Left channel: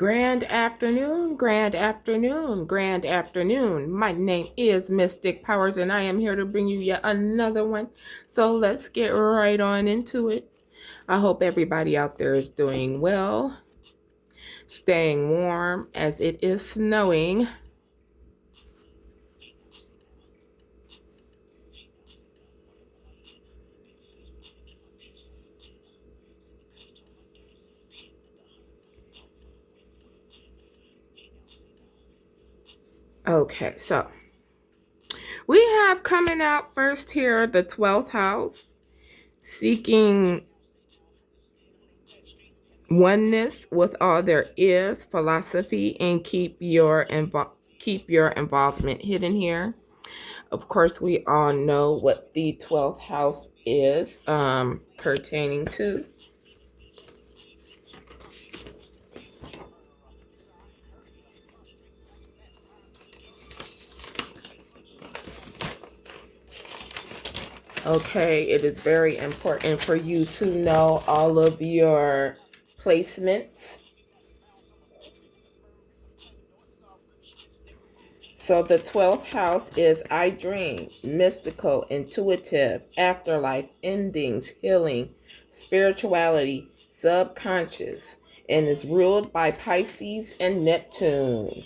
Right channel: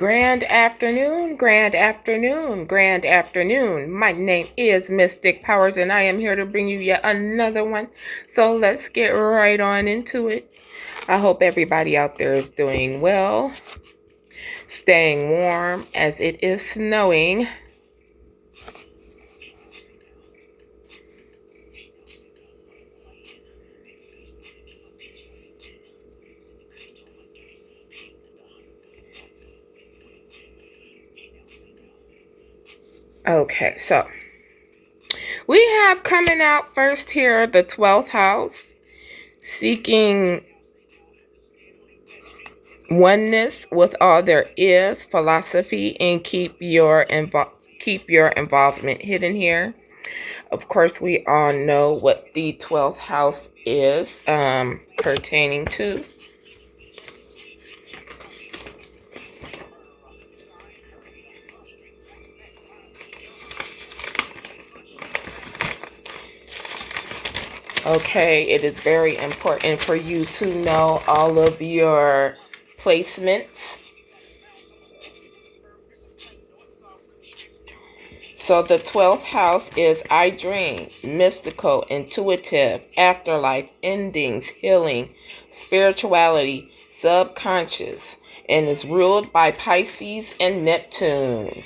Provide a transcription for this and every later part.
Grand afternoon, grand afternoon, grand afternoon. My name is Mystic Powers, and I am here to bring you yet another one. So let's get right on into it. I hope everybody out there is doing well, staying warm as it is snowing. Okay, so we have coming out first here the 12th house, seeking oneness with all there is, philosophy, and keep your involvement hidden here. Of course, we all know what the 12th house is pertaining to. Okay, it is very important for you to know all of your placements. So the 12th house is I dream, mystical, intuitive, afterlife, endings, healing, spirituality, subconscious, and is ruled by Pisces and Neptune.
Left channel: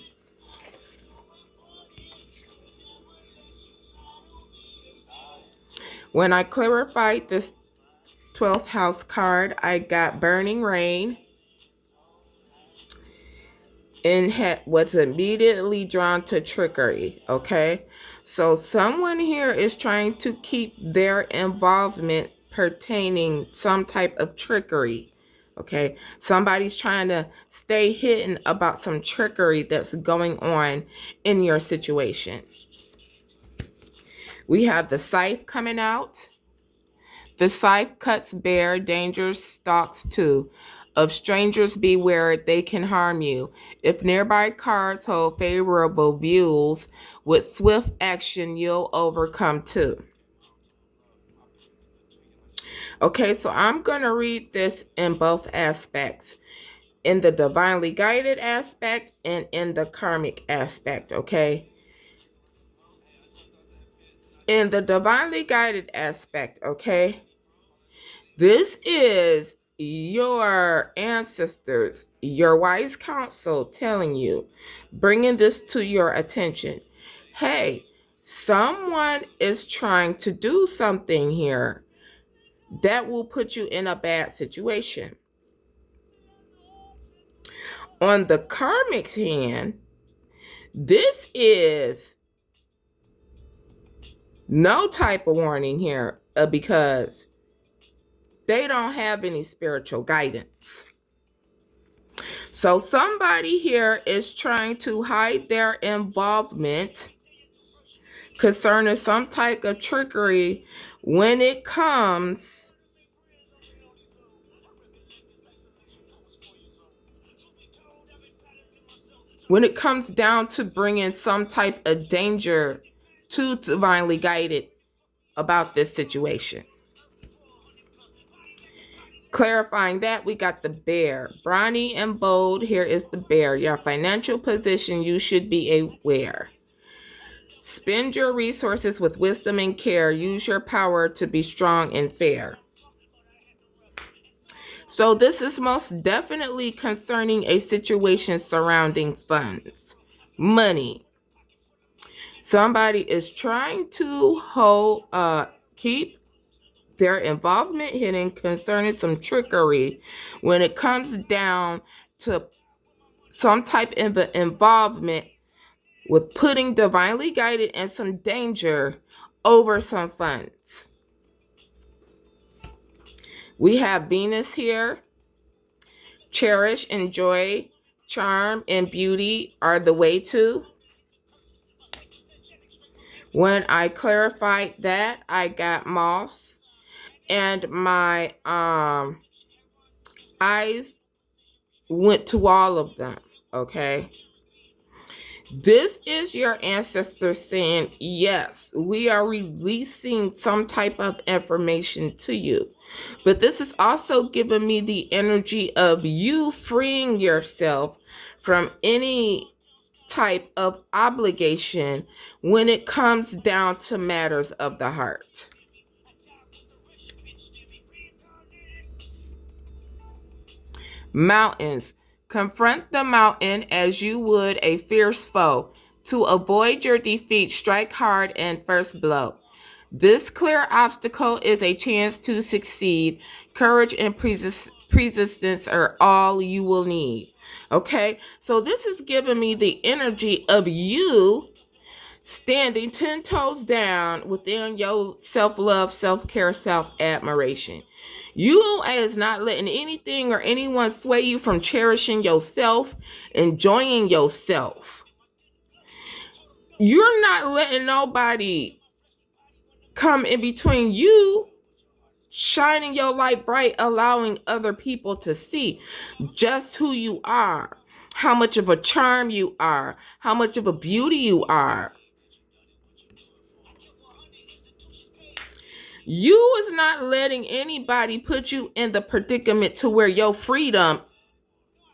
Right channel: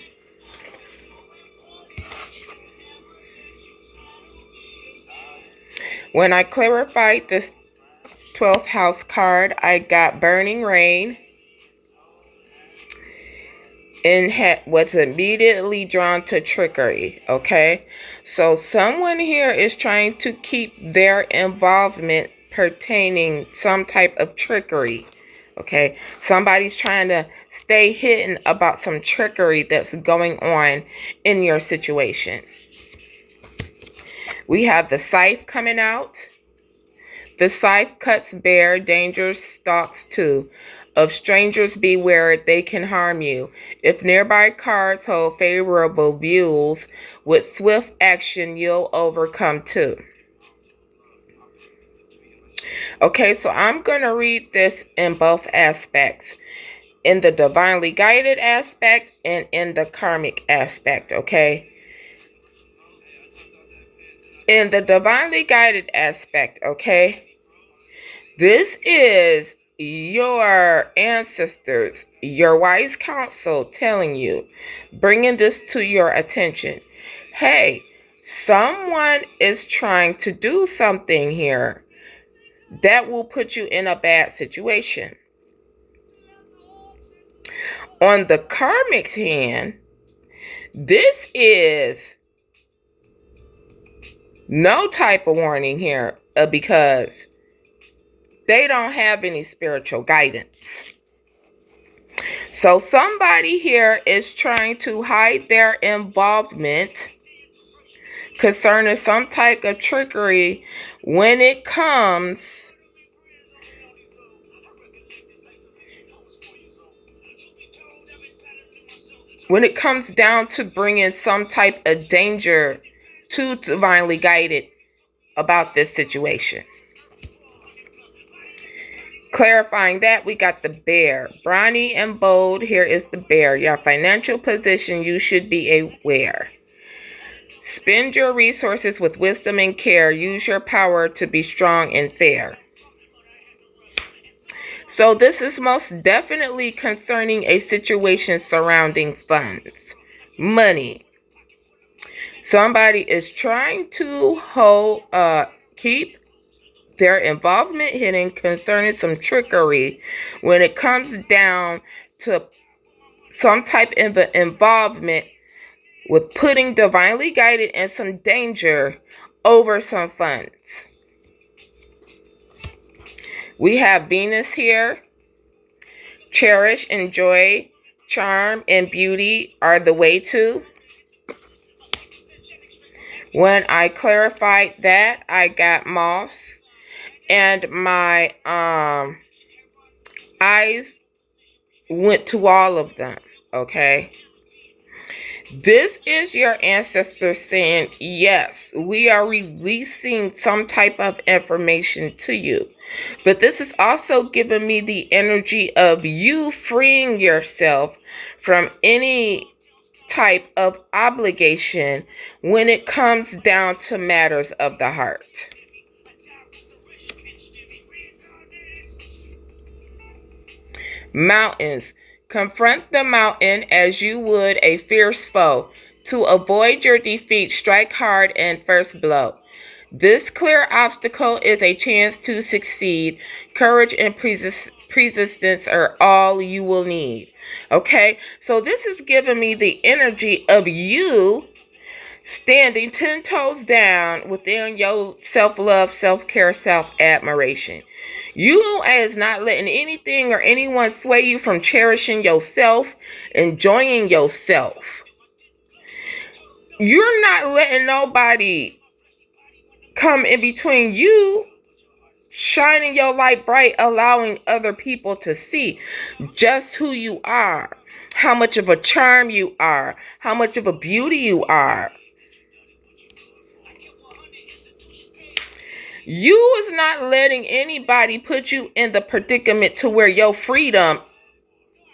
When I clarified this 12th house card, I got burning rain and was immediately drawn to trickery. Okay, so someone here is trying to keep their involvement pertaining some type of trickery. Okay, somebody's trying to stay hidden about some trickery that's going on in your situation. We have the scythe coming out. The scythe cuts bare, danger stalks too. Of strangers beware, they can harm you. If nearby cards hold favorable views, with swift action you'll overcome too. Okay, so I'm going to read this in both aspects. In the divinely guided aspect and in the karmic aspect, okay? In the divinely guided aspect, okay? This is your ancestors, your wise counsel telling you, bringing this to your attention. Hey, someone is trying to do something here that will put you in a bad situation. On the karmic hand, this is no type of warning here because they don't have any spiritual guidance. So somebody here is trying to hide their involvement concerning some type of trickery when it comes down to bringing some type of danger to divinely guided about this situation. Clarifying that, we got the bear. Brawny and bold, here is the bear. Your financial position, you should be aware. Spend your resources with wisdom and care. Use your power to be strong and fair. So this is most definitely concerning a situation surrounding funds, money. Somebody is trying to keep their involvement hidden concerning some trickery when it comes down to some type of involvement with putting divinely guided and some danger over some funds. We have Venus here. Cherish, enjoy, charm, and beauty are the way to. When I clarified that, I got moths. And my eyes went to all of them, okay? This is your ancestors saying, yes, we are releasing some type of information to you. But this is also giving me the energy of you freeing yourself from any type of obligation when it comes down to matters of the heart. Mountains. Confront the mountain as you would a fierce foe. To avoid your defeat, strike hard and first blow. This clear obstacle is a chance to succeed. Courage and persistence are all you will need. Okay, so this is giving me the energy of you standing 10 toes down within your self-love, self-care, self-admiration. You is not letting anything or anyone sway you from cherishing yourself, enjoying yourself. You're not letting nobody come in between you shining your light bright, allowing other people to see just who you are, how much of a charm you are, how much of a beauty you are. You is not letting anybody put you in the predicament to where your freedom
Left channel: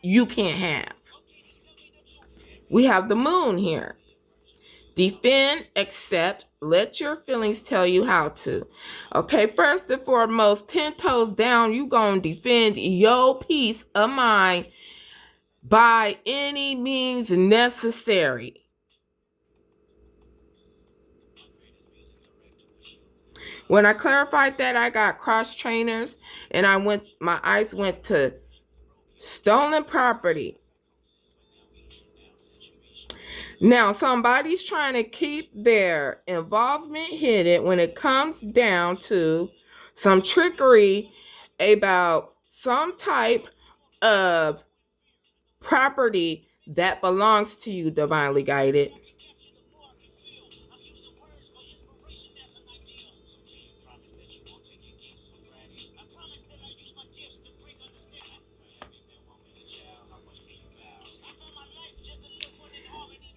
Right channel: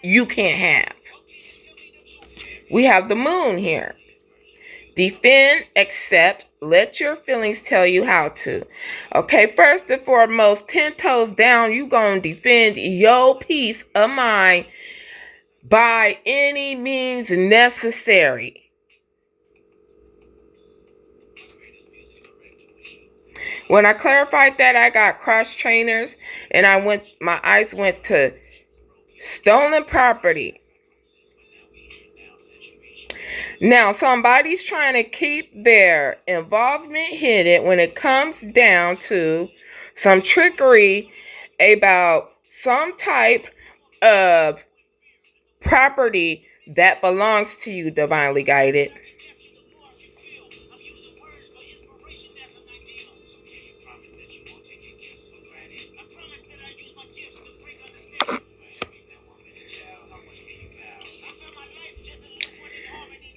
you can't have. We have the moon here. Defend, accept, let your feelings tell you how to. Okay, first and foremost, 10 toes down, you gonna defend your peace of mind by any means necessary. When I clarified that, I got cross trainers and my eyes went to stolen property. Now, somebody's trying to keep their involvement hidden when it comes down to some trickery about some type of property that belongs to you, divinely guided.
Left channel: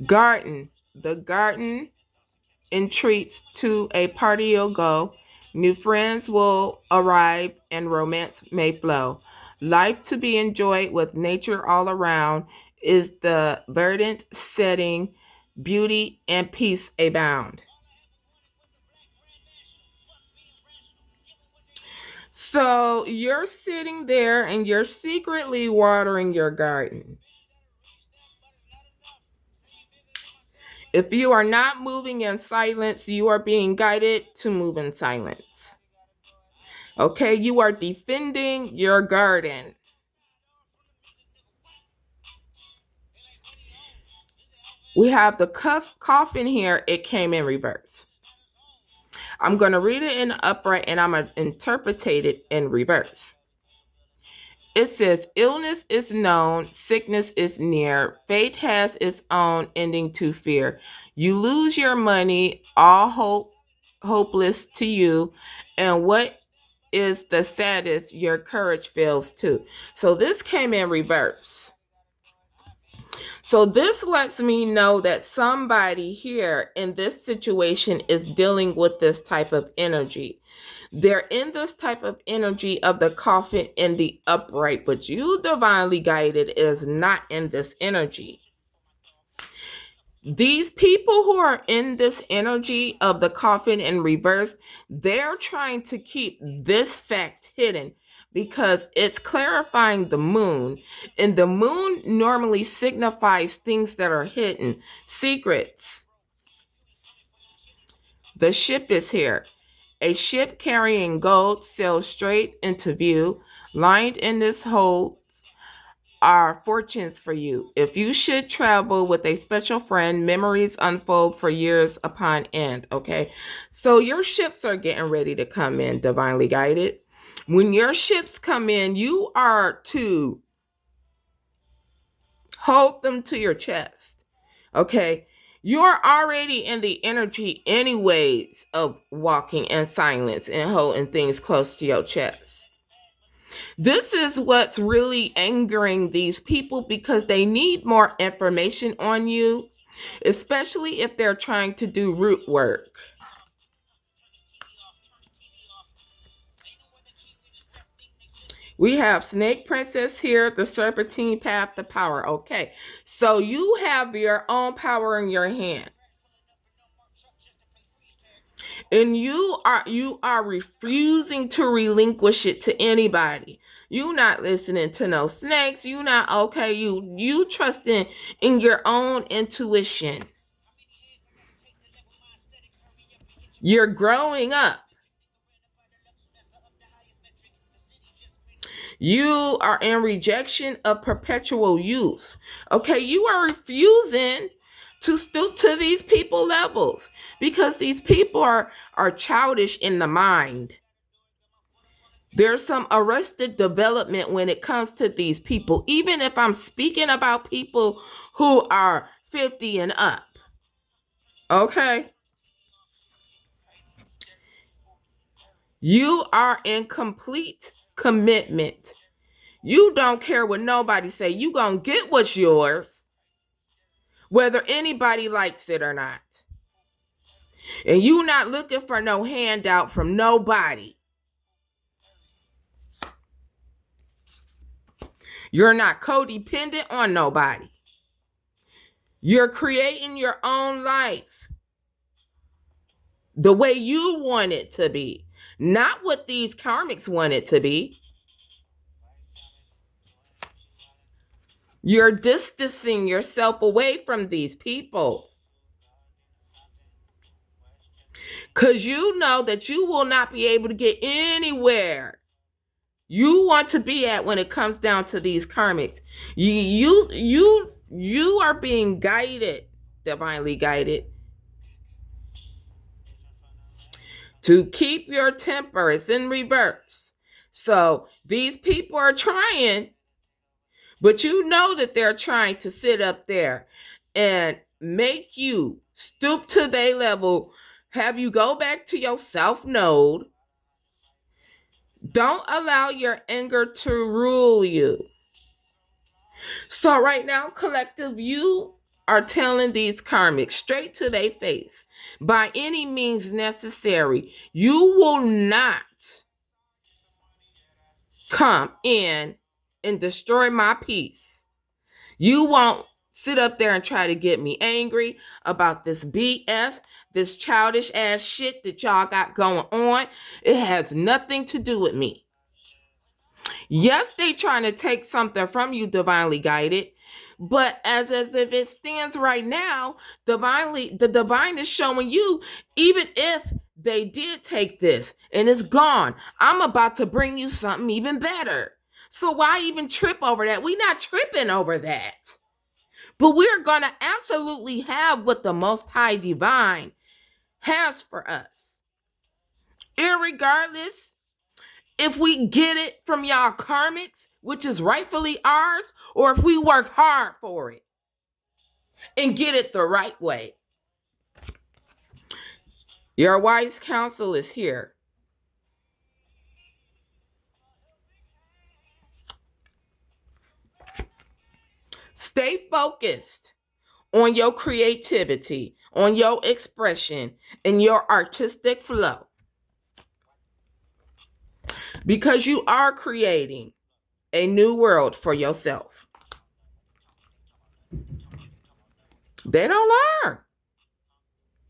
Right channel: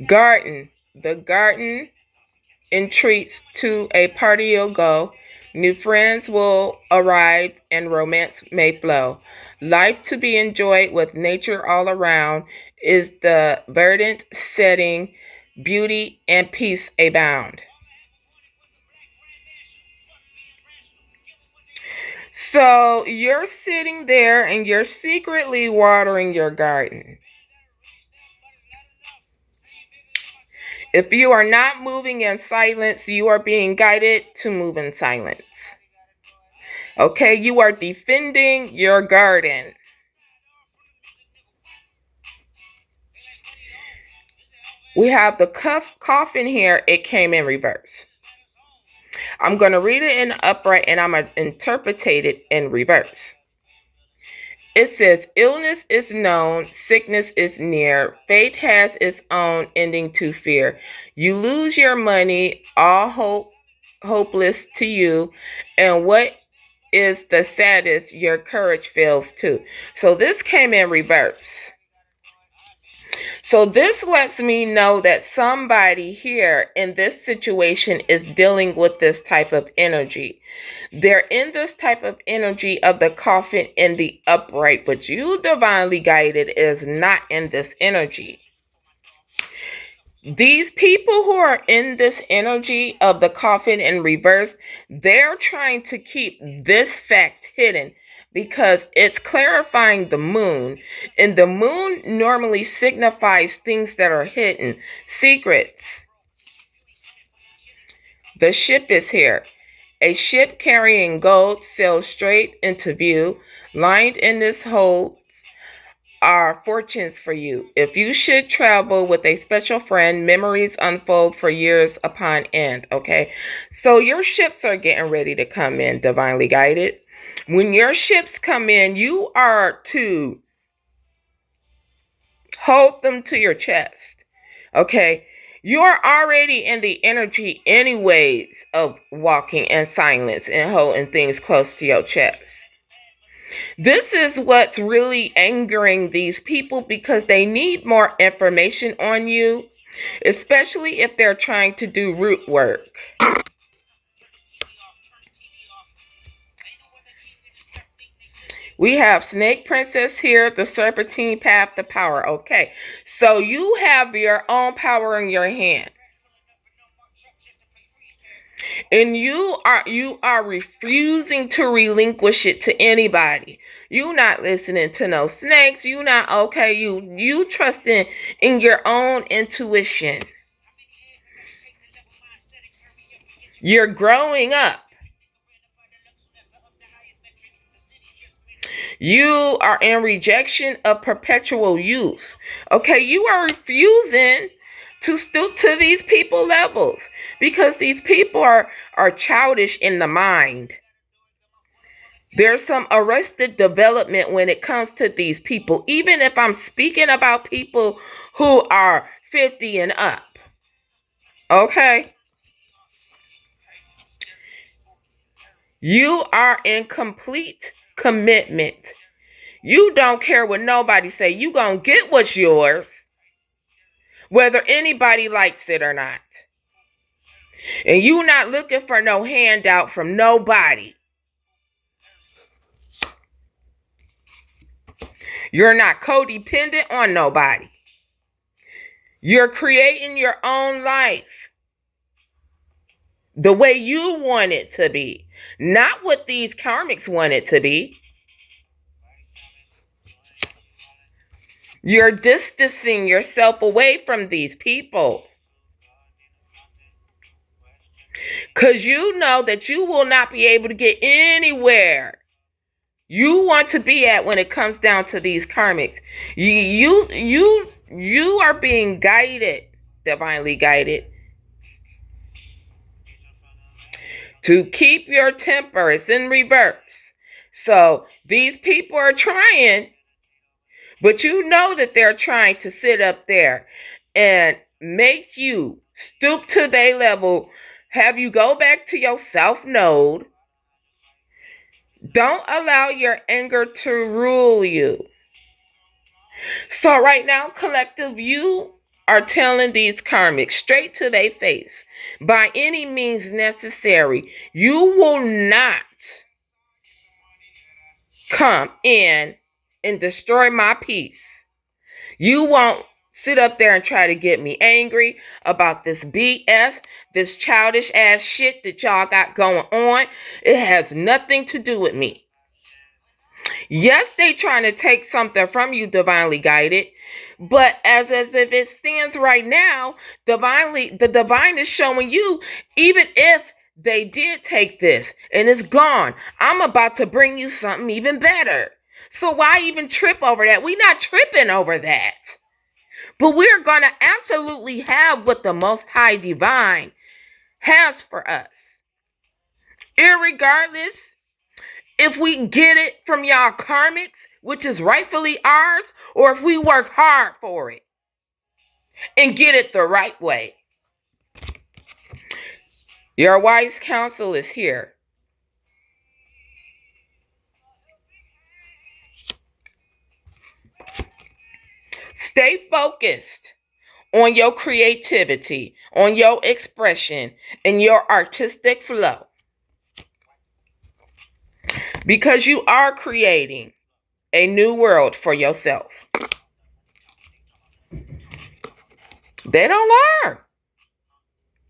Garden. The garden entreats to a party you'll go. New friends will arrive and romance may flow. Life to be enjoyed with nature all around is the verdant setting, beauty and peace abound. So you're sitting there and you're secretly watering your garden. If you are not moving in silence, you are being guided to move in silence. Okay, you are defending your garden. We have the coffin here. It came in reverse. I'm going to read it in upright and I'm going to interpret it in reverse. It says, illness is known, sickness is near, fate has its own ending to fear. You lose your money, all hopeless to you, and what is the saddest, your courage fails too. So this came in reverse. So this lets me know that somebody here in this situation is dealing with this type of energy. They're in this type of energy of the coffin in the upright, but you, divinely guided, is not in this energy. These people who are in this energy of the coffin in reverse, they're trying to keep this fact hidden because it's clarifying the moon. And the moon normally signifies things that are hidden, secrets. The ship is here. A ship carrying gold sails straight into view. Lined in this hold are fortunes for you. If you should travel with a special friend, memories unfold for years upon end. Okay, so your ships are getting ready to come in, divinely guided. When your ships come in, you are to hold them to your chest. Okay, you're already in the energy anyways of walking in silence and holding things close to your chest. This is what's really angering these people because they need more information on you. especially if they're trying to do root work. We have Snake Princess here, the Serpentine Path to Power. Okay, so you have your own power in your hand. And you are refusing to relinquish it to anybody. You not listening to no snakes. You not okay. You trusting in your own intuition. You're growing up. You are in rejection of perpetual youth. Okay, you are refusing to stoop to these people levels because these people are childish in the mind. There's some arrested development when it comes to these people, even if I'm speaking about people who are 50 and up. Okay? You are in complete commitment. You don't care what nobody say. You gonna get what's yours, whether anybody likes it or not. And you not looking for no handout from nobody. You're not codependent on nobody. You're creating your own life the way you want it to be, not what these karmics want it to be. You're distancing yourself away from these people because you know that you will not be able to get anywhere you want to be at when it comes down to these karmics. You are being guided, divinely guided, to keep your temper. It's in reverse. So these people are trying, but you know that they're trying to sit up there and make you stoop to their level, have you go back to your self node. Don't allow your anger to rule you. So right now, collective, you are telling these karmics straight to their face, by any means necessary, you will not come in and destroy my peace. You won't sit up there and try to get me angry about this BS, this childish ass shit that y'all got going on. It has nothing to do with me. Yes, they trying to take something from you, divinely guided, but as if it stands right now, the divine is showing you, even if they did take this and it's gone, I'm about to bring you something even better. So why even trip over that? We're not tripping over that. But we're going to absolutely have what the Most High Divine has for us. Irregardless if we get it from y'all karmics, which is rightfully ours, or if we work hard for it and get it the right way. Your wise counsel is here. Stay focused on your creativity, on your expression, and your artistic flow. Because you are creating a new world for yourself. They don't learn.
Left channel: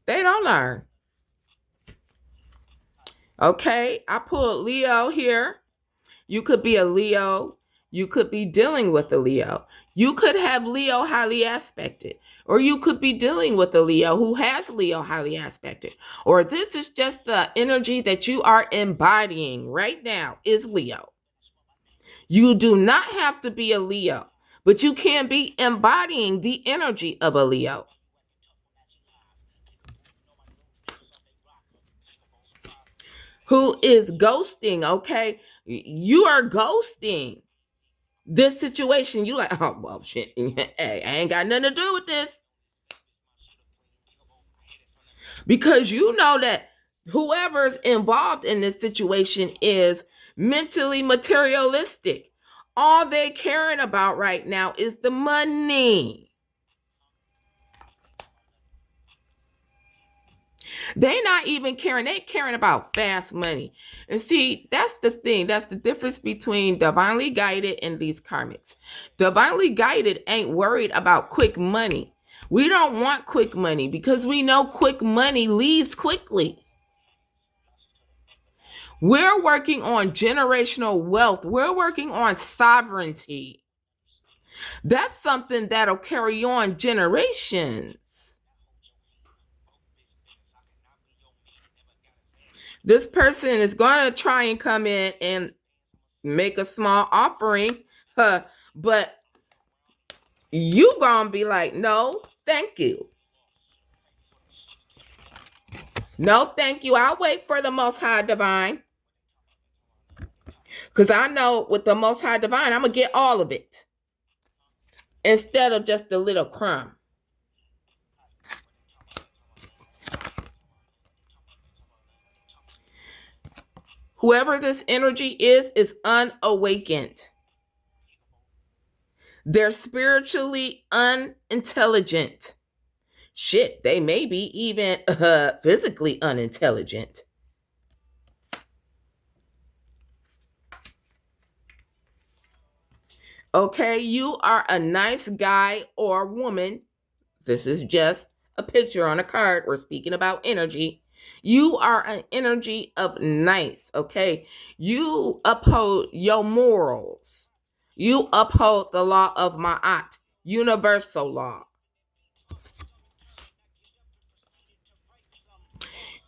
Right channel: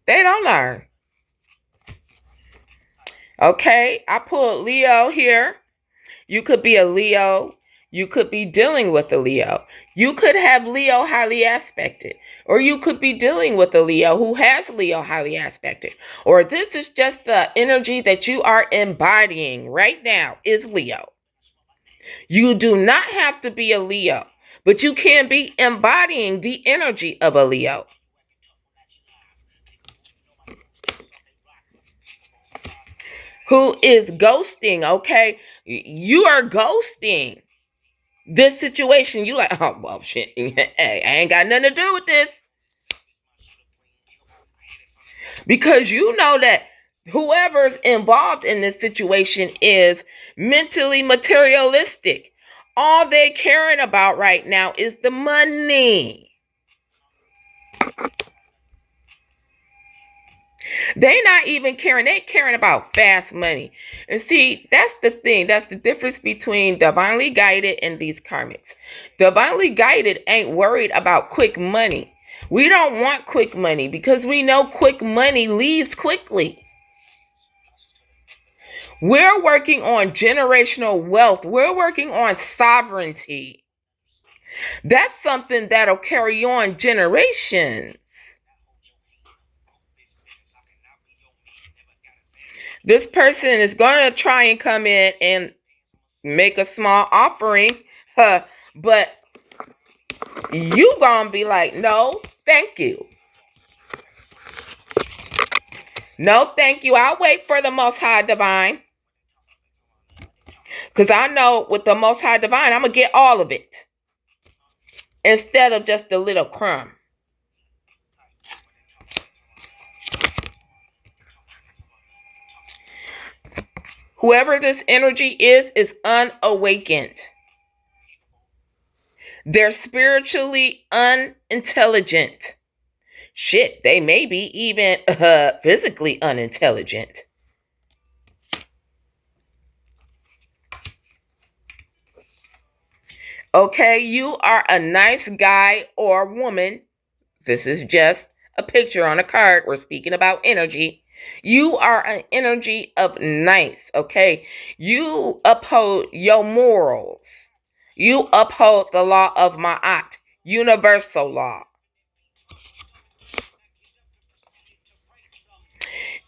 They don't learn. Okay, I pulled Leo here. You could be a Leo. You could be dealing with a Leo. You could have Leo highly aspected. Or you could be dealing with a Leo who has Leo highly aspected. Or this is just the energy that you are embodying right now is Leo. You do not have to be a Leo, but you can be embodying the energy of a Leo. Who is ghosting, okay? You are ghosting this situation. You like, oh, well, shit. Hey, I ain't got nothing to do with this. Because you know that whoever's involved in this situation is mentally materialistic. All they caring about right now is the money. They not even caring. They caring about fast money. And see, that's the thing. That's the difference between divinely guided and these karmics. Divinely guided ain't worried about quick money. We don't want quick money because we know quick money leaves quickly. We're working on generational wealth. We're working on sovereignty. That's something that'll carry on generations. This person is going to try and come in and make a small offering, but you going to be like, no, thank you. No, thank you. I'll wait for the Most High Divine. Because I know with the Most High Divine, I'm going to get all of it instead of just a little crumb. Whoever this energy is unawakened. They're spiritually unintelligent. Shit, they may be even physically unintelligent. Okay, you are a nice guy or woman. This is just a picture on a card. We're speaking about energy. You are an energy of nice, okay? You uphold your morals. You uphold the law of Ma'at, universal law.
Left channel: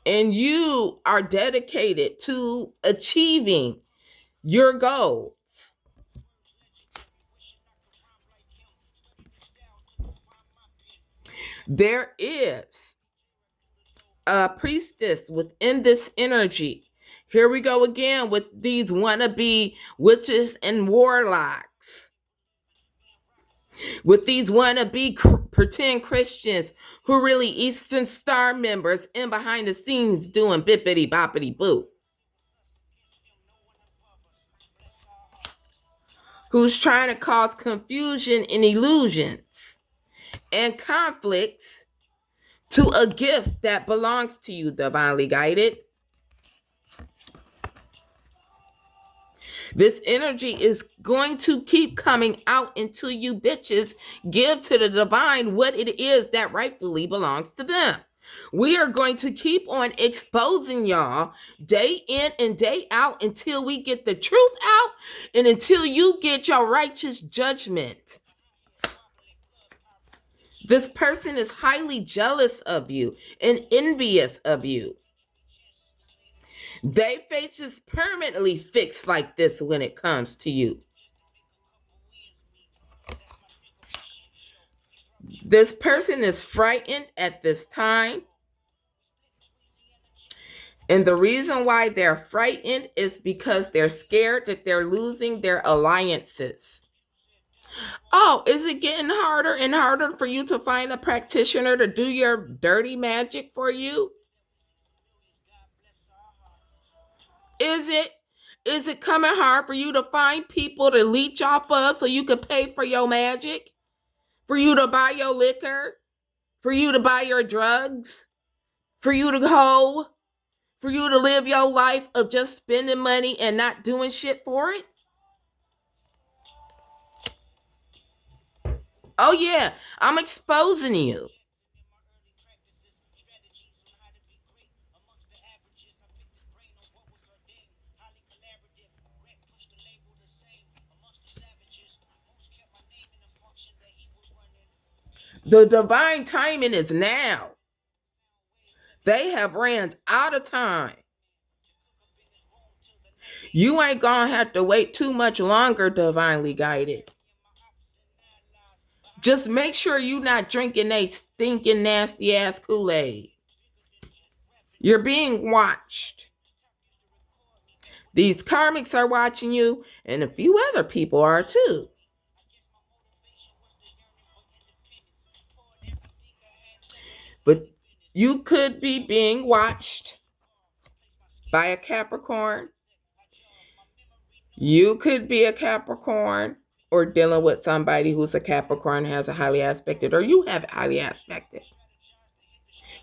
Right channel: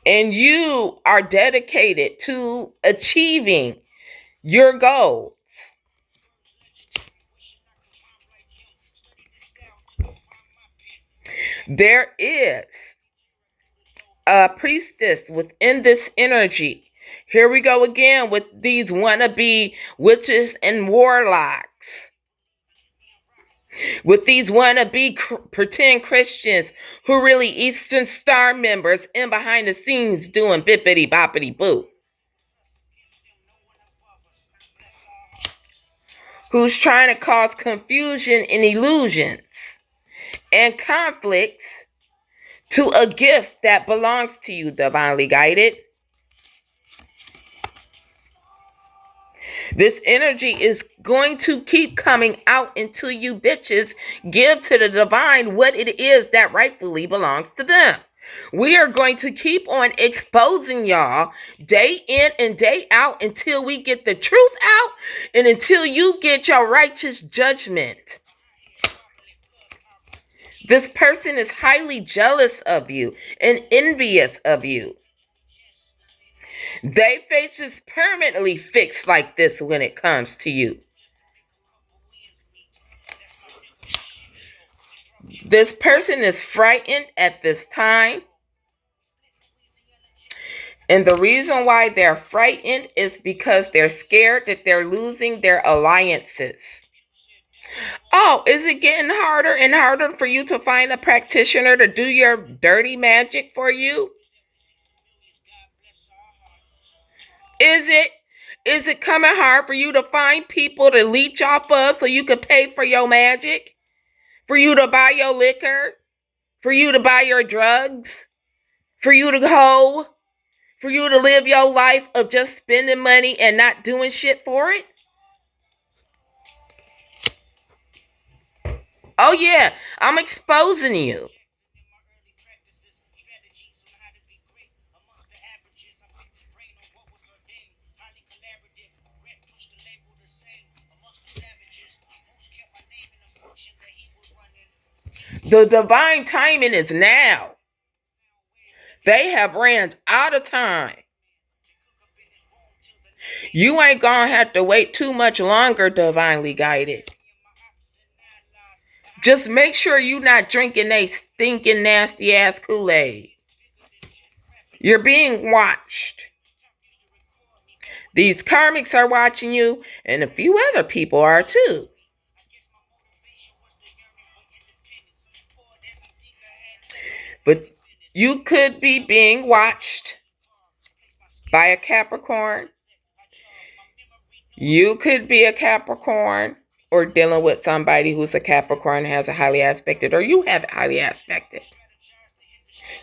And you are dedicated to achieving your goals. There is a priestess within this energy. Here we go again with these wannabe witches and warlocks. With these wannabe pretend Christians who really Eastern Star members in behind the scenes doing bippity boppity boo. Who's trying to cause confusion and illusions and conflicts to a gift that belongs to you, divinely guided. This energy is going to keep coming out until you bitches give to the divine what it is that rightfully belongs to them. We are going to keep on exposing y'all day in and day out until we get the truth out and until you get your righteous judgment. This person is highly jealous of you and envious of you. Their face is permanently fixed like this when it comes to you. This person is frightened at this time. And the reason why they're frightened is because they're scared that they're losing their alliances. Oh, is it getting harder and harder for you to find a practitioner to do your dirty magic for you? Is it coming hard for you to find people to leech off of so you can pay for your magic? For you to buy your liquor? For you to buy your drugs? For you to go? For you to live your life of just spending money and not doing shit for it? Oh yeah, I'm exposing you. The divine timing is now. They have ran out of time. You ain't gonna have to wait too much longer, divinely guided. Just make sure you're not drinking a stinking nasty ass Kool-Aid. You're being watched. These karmics are watching you, and a few other people are too. But you could be being watched by a Capricorn. You could be a Capricorn. or dealing with somebody who's a Capricorn, has a highly aspected, or you have it highly aspected.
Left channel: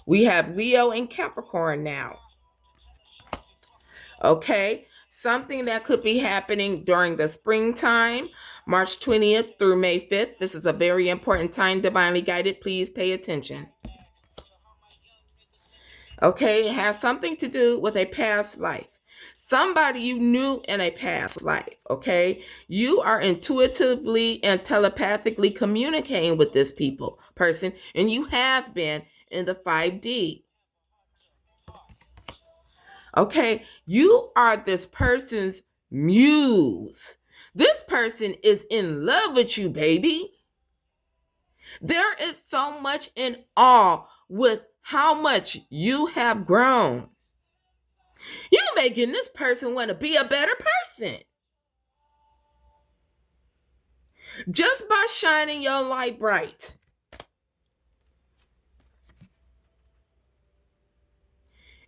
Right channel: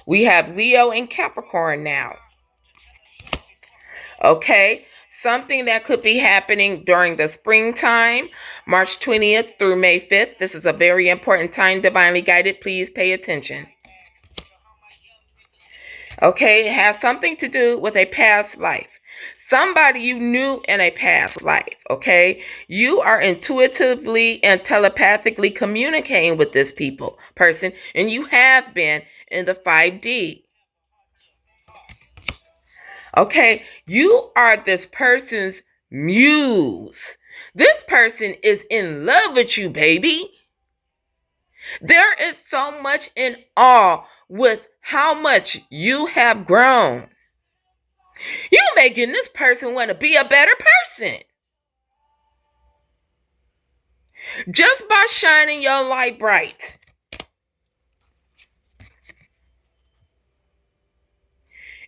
We have Leo and Capricorn now. Okay, something that could be happening during the springtime, March 20th through May 5th. This is a very important time, divinely guided. Please pay attention. Okay, it has something to do with a past life. Somebody you knew in a past life, okay? You are intuitively and telepathically communicating with this person, and you have been in the 5D. Okay, you are this person's muse. This person is in love with you, baby. There is so much in awe with how much you have grown. You making this person want to be a better person. Just by shining your light bright.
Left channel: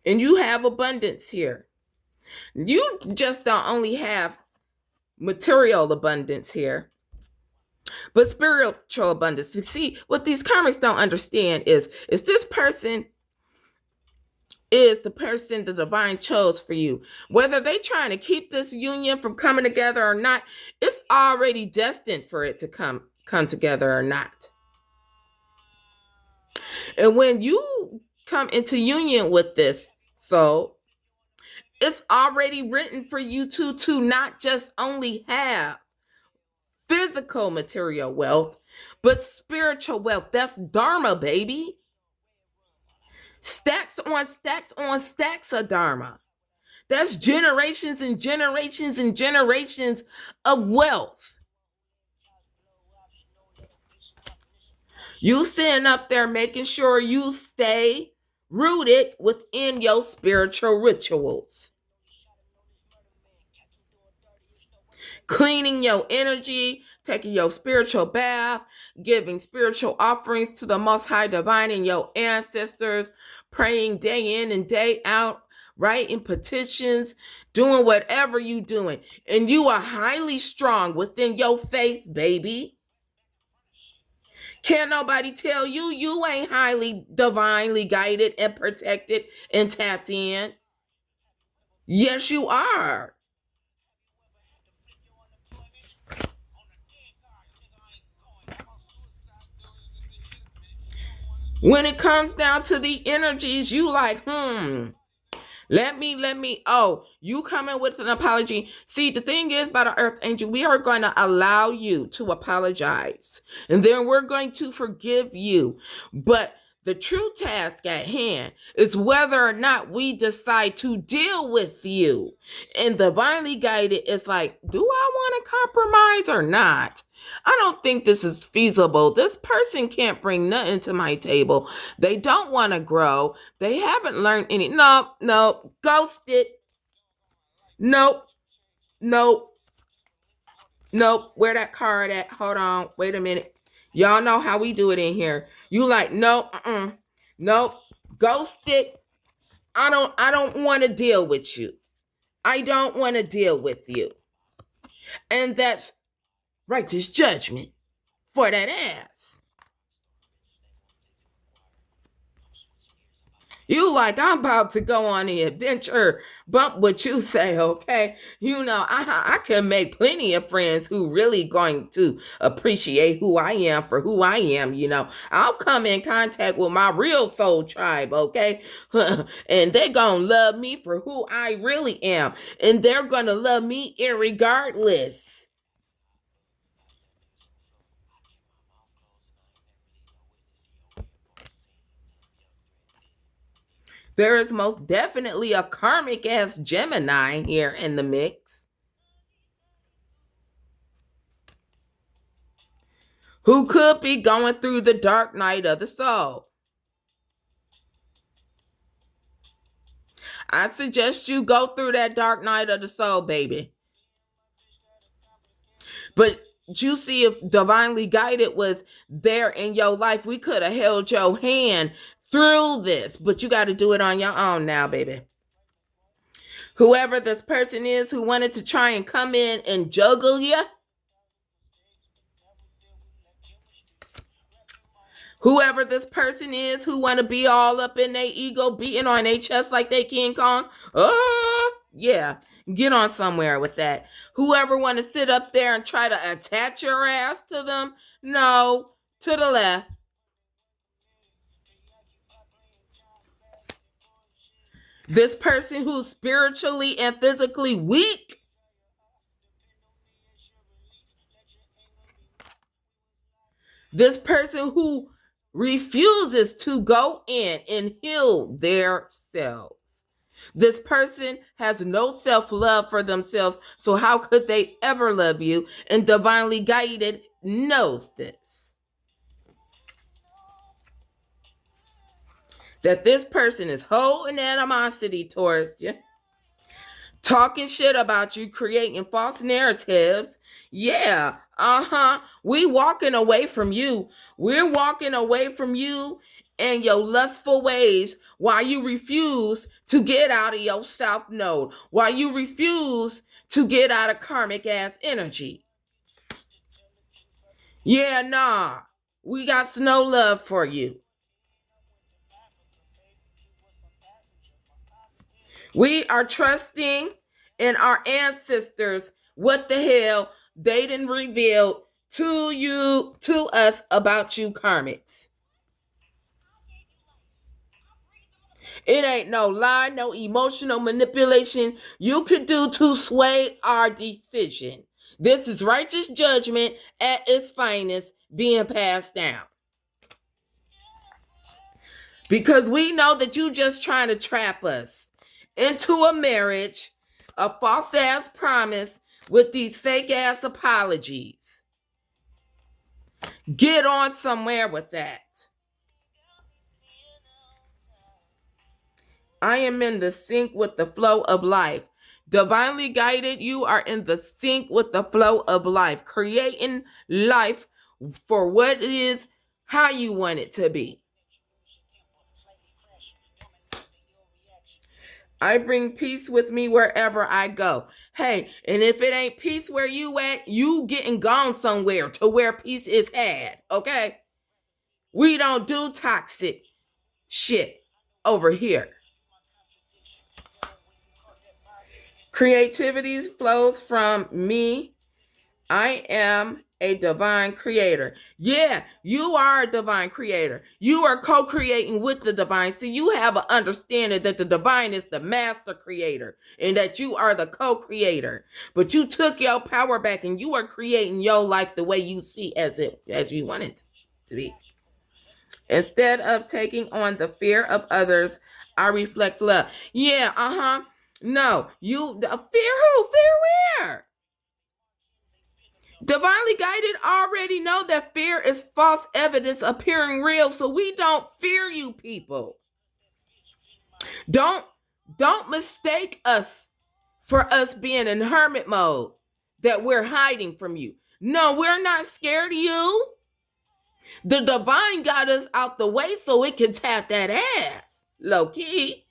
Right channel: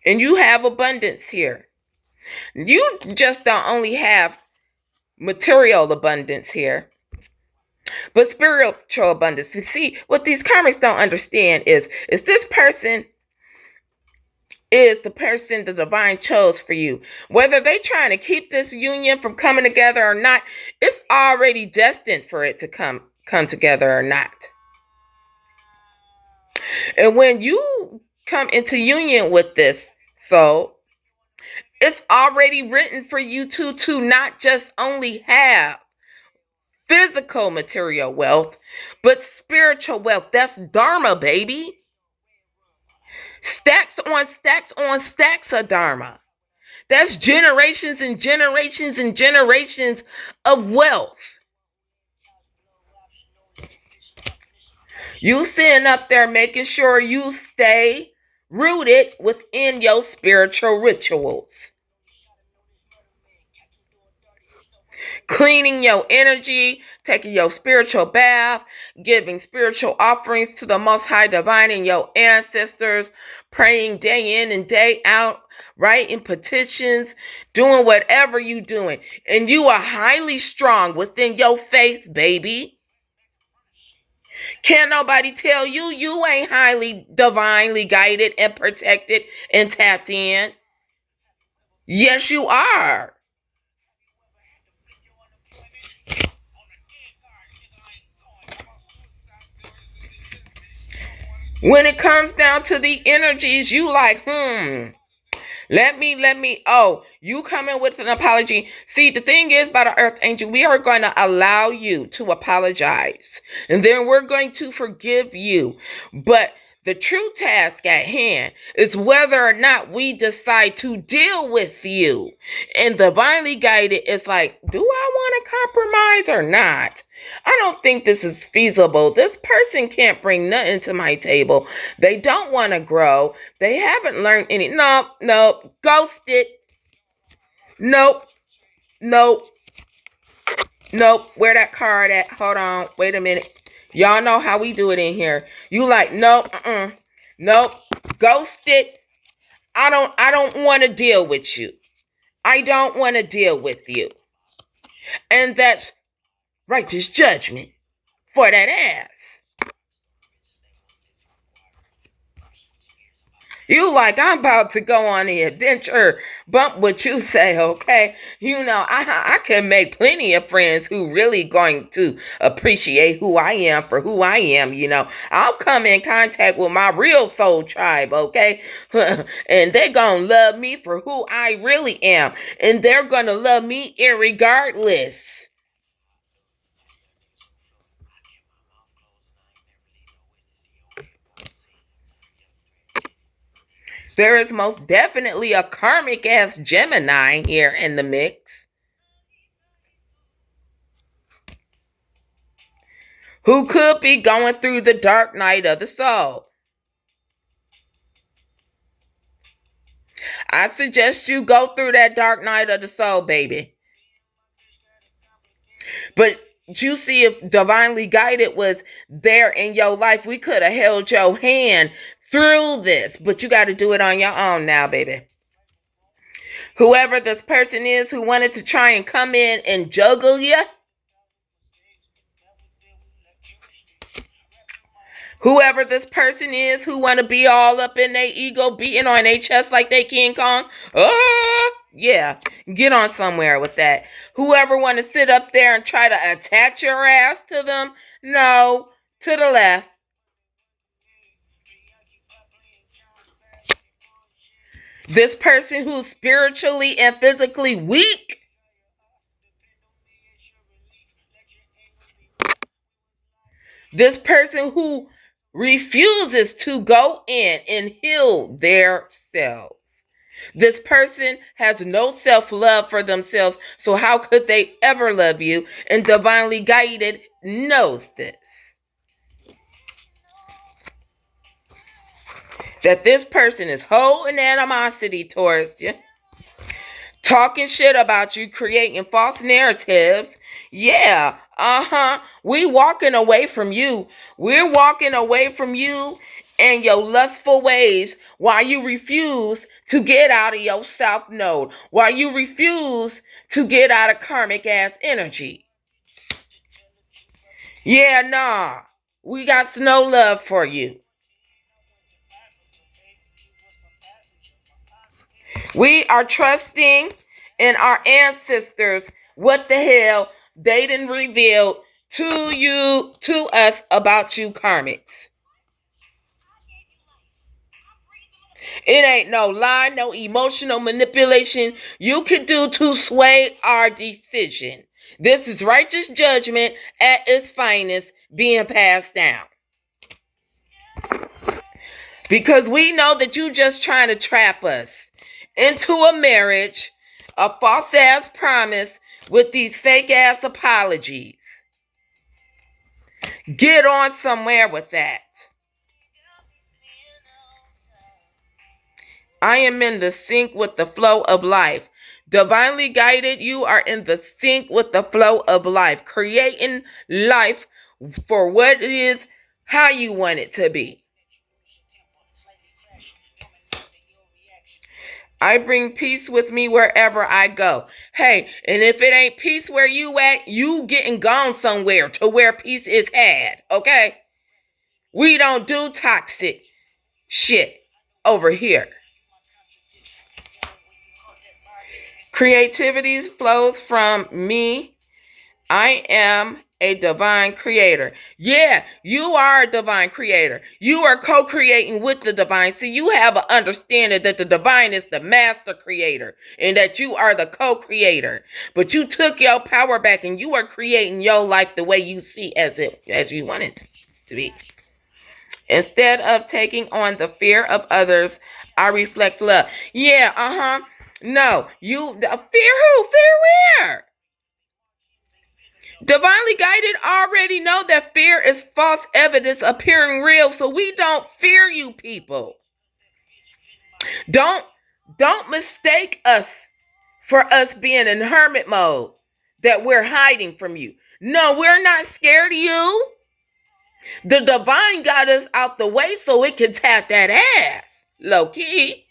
And you have abundance here. You just don't only have material abundance here, but spiritual abundance. You see, what these karmics don't understand is this person is the person the divine chose for you. Whether they trying to keep this union from coming together or not, it's already destined for it to come together or not. And when you come into union with this soul, it's already written for you to not just only have physical material wealth, but spiritual wealth. That's Dharma, baby. Stacks on stacks on stacks of Dharma. That's generations and generations and generations of wealth. You sitting up there making sure you stay rooted within your spiritual rituals. Cleaning your energy, taking your spiritual bath, giving spiritual offerings to the Most High Divine and your ancestors, praying day in and day out, writing petitions, doing whatever you doing. And you are highly strong within your faith, baby. Can't nobody tell you you ain't highly divinely guided and protected and tapped in. Yes, you are. When it comes down to the energies, you like, let me, you come in with an apology. See, the thing is, by the earth angel, we are going to allow you to apologize. And then we're going to forgive you. But the true task at hand is whether or not we decide to deal with you. And divinely guided is like, do I want to compromise or not? I don't think this is feasible. This person can't bring nothing to my table. They don't want to grow. They haven't learned any. Nope. Ghost it. Nope. Where that card at? Hold on. Wait a minute. Y'all know how we do it in here. You like, nope. Ghost it. I don't want to deal with you. I don't want to deal with you. And that's righteous judgment for that ass. You like, I'm about to go on the adventure, bump what you say, okay? You know, I can make plenty of friends who really going to appreciate who I am for who I am, you know. I'll come in contact with my real soul tribe, okay? And they're going to love me for who I really am. And they're going to love me irregardless. There is most definitely a karmic ass Gemini here in the mix, who could be going through the dark night of the soul. I suggest you go through that dark night of the soul, baby. But you see, if divinely guided was there in your life, we could have held your hand through this, but you got to do it on your own now, baby. Whoever this person is who wanted to try and come in and juggle you, Whoever this person is who want to be all up in their ego, beating on their chest like they King Kong, yeah, get on somewhere with that. Whoever want to sit up there and try to attach your ass to them, no, to the left. This person who's spiritually and physically weak, this person who refuses to go in and heal their selves. This person has no self-love for themselves, so how could they ever love you? And divinely guided knows this. That this person is holding animosity towards you, talking shit about you, creating false narratives. Yeah, we walking away from you. We're walking away from you and your lustful ways while you refuse to get out of your south node, while you refuse to get out of karmic ass energy. Yeah, nah, we got no love for you. We are trusting in our ancestors. What the hell they didn't reveal to us about you karmics. It ain't no lie, no emotional manipulation you can do to sway our decision. This is righteous judgment at its finest being passed down. Because we know that you just trying to trap us into a marriage, a false ass promise with these fake ass apologies. Get on somewhere with that. I am in the sync with the flow of life. Divinely guided, you are in the sync with the flow of life, creating life for what it is, how you want it to be. I bring peace with me wherever I go. Hey, and if it ain't peace where you at, you getting gone somewhere to where peace is had, okay? We don't do toxic shit over here. Creativity flows from me. I am a divine creator. Yeah, you are a divine creator. You are co-creating with the divine. So you have an understanding that the divine is the master creator and that you are the co-creator. But you took your power back and you are creating your life the way you see as you want it to be. Instead of taking on the fear of others, I reflect love. Yeah, no, you fear who? Fear where? Divinely guided already know that fear is false evidence appearing real, so we don't fear you people. Don't mistake us for us being in hermit mode, that we're hiding from you. No, we're not scared of you. The divine got us out the way so it can tap that ass, low key.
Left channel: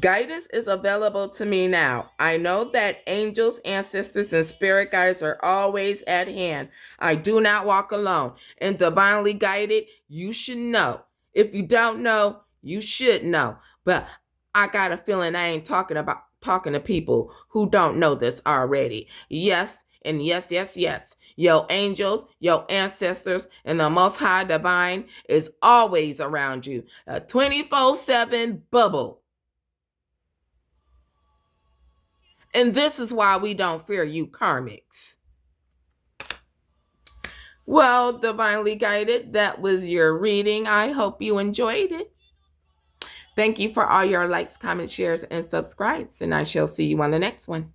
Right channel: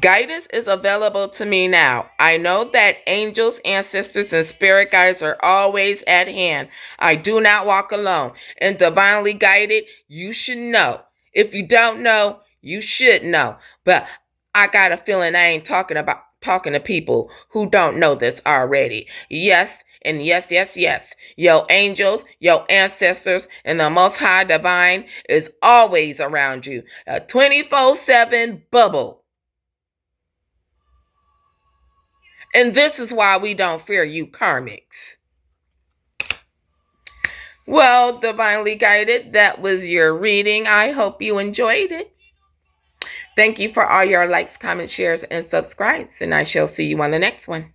Guidance is available to me now. I know that angels, ancestors, and spirit guides are always at hand. I do not walk alone. And divinely guided, you should know. If you don't know, you should know. But I got a feeling I ain't talking to people who don't know this already. Yes, and yes. Your angels, your ancestors, and the Most High Divine is always around you. A 24/7 bubble. And this is why we don't fear you karmics. Well, divinely guided, that was your reading. I hope you enjoyed it. Thank you for all your likes, comments, shares, and subscribes. And I shall see you on the next one.